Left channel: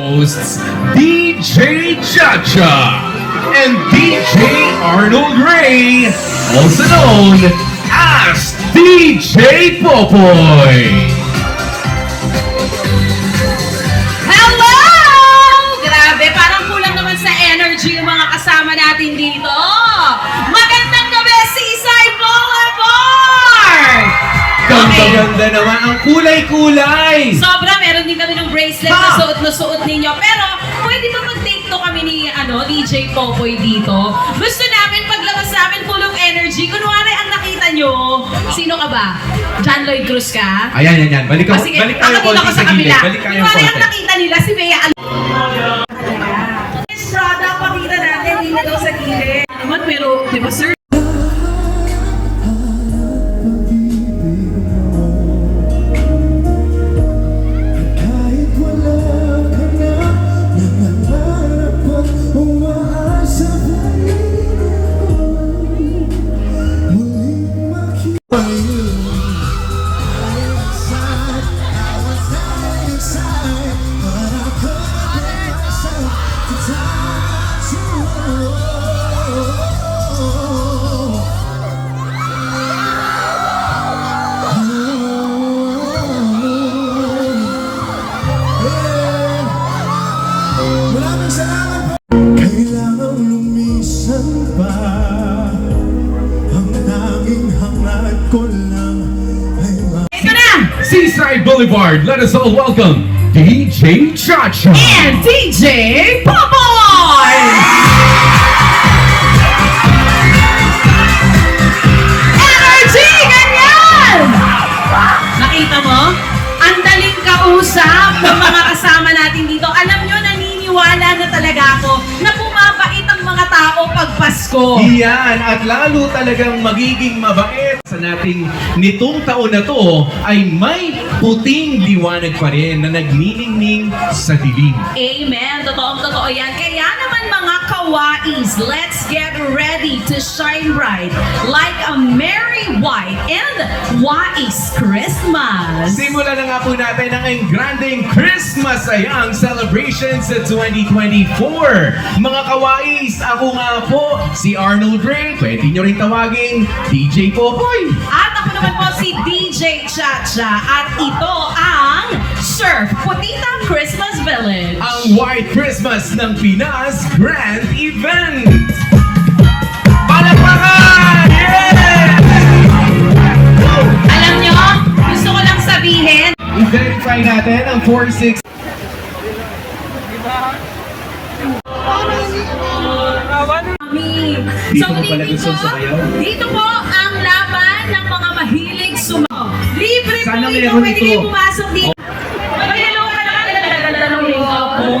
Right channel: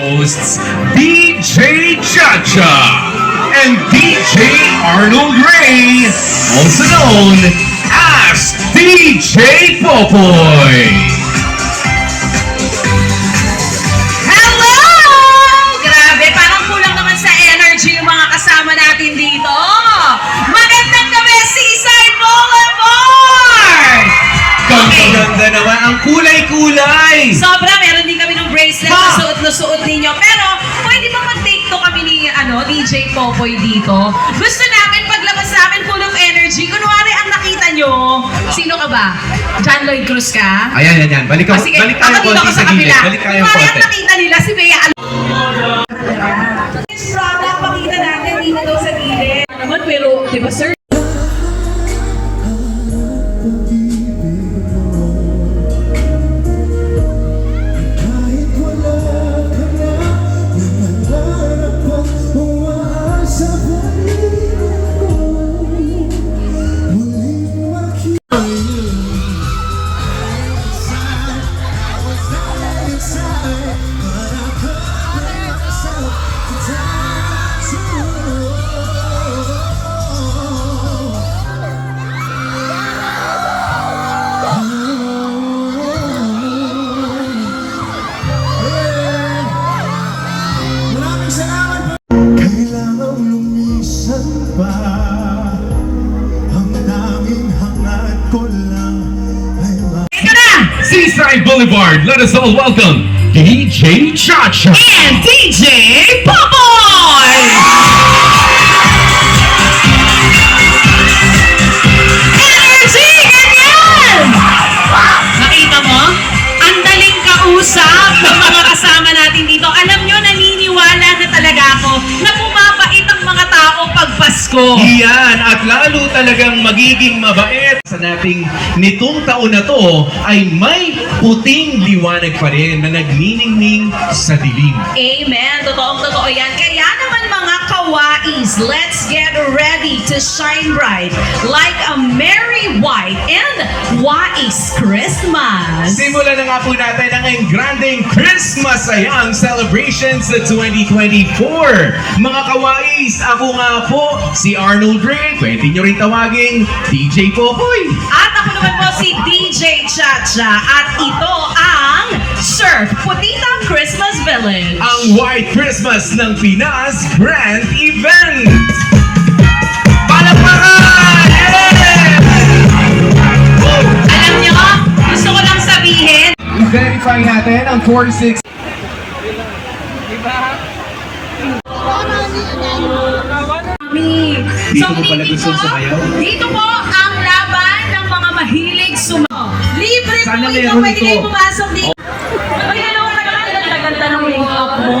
hosts DJ Chacha and DJ Arnold Ray, also known as DJ Popoy. Hello! Grabe, parang kulang naman sa energy yung mga kasama natin dito. Magandang gabi, Seaside Boulevard! Ganda naman, ang kulay-kulay! Sobra, meron din kami ng bracelet na suot ninyo. Pero, pwede ba mag-take to kami ni DJ Popoy dito? Gusto namin, paglabas namin full of energy. Kunwari, ang nakita nyo, sino ka ba? John Lloyd Cruz ka? Ayan. Balik Sige, tayo ako dito konti ako sa sa gilid. kabila. Balik tayo Kunwari, ang konti. nakita nila, si Bea This product, pakita natin dito daw sa gilid. Naman, pero, di ba, sir? Kailangan lumisan pa. Ang daming hangat ko lang ay Ito na! Seaside Boulevard, let us all welcome DJ Chacha And DJ Popoy! Energy! Ganyan! Nakita mo? Ang daling kausap ng mga kasama natin dito. Alam nyo, naniniwala na talaga ako na pumapait ang mga tao pag Pasko. Iyan, at lalo talagang magiging mabait sa nating nitong taon na to ay may puting liwanag pa rin na nagniningning sa dilim. Amen. Totoong-totoo yan. Kaya naman mga kawais, let's get ready to shine bright like a merry white and wise Christmas. Simulan na nga po natin ang engranding Christmas Ayang Celebrations sa 2024. Mga kawais, ako nga po, si Arnold Ray. Pwede nyo rin tawaging DJ Popoy. At ako naman po si DJ Chacha at ito ang Surf Putitang Christmas Village. Ang White Christmas ng Pinas Grand Event. Palakpakan! Yeah! Alam nyo, gusto ko lang sabihin, I-verify natin ang 46. Dito mo pala gusto sumayaw? Dito po ang laban ng mga mahilig sumayaw. Libre Sana po ito, meron pwede ito. kayo pumasok dito. Mag-hello ka naman, ganda ng make-up mo.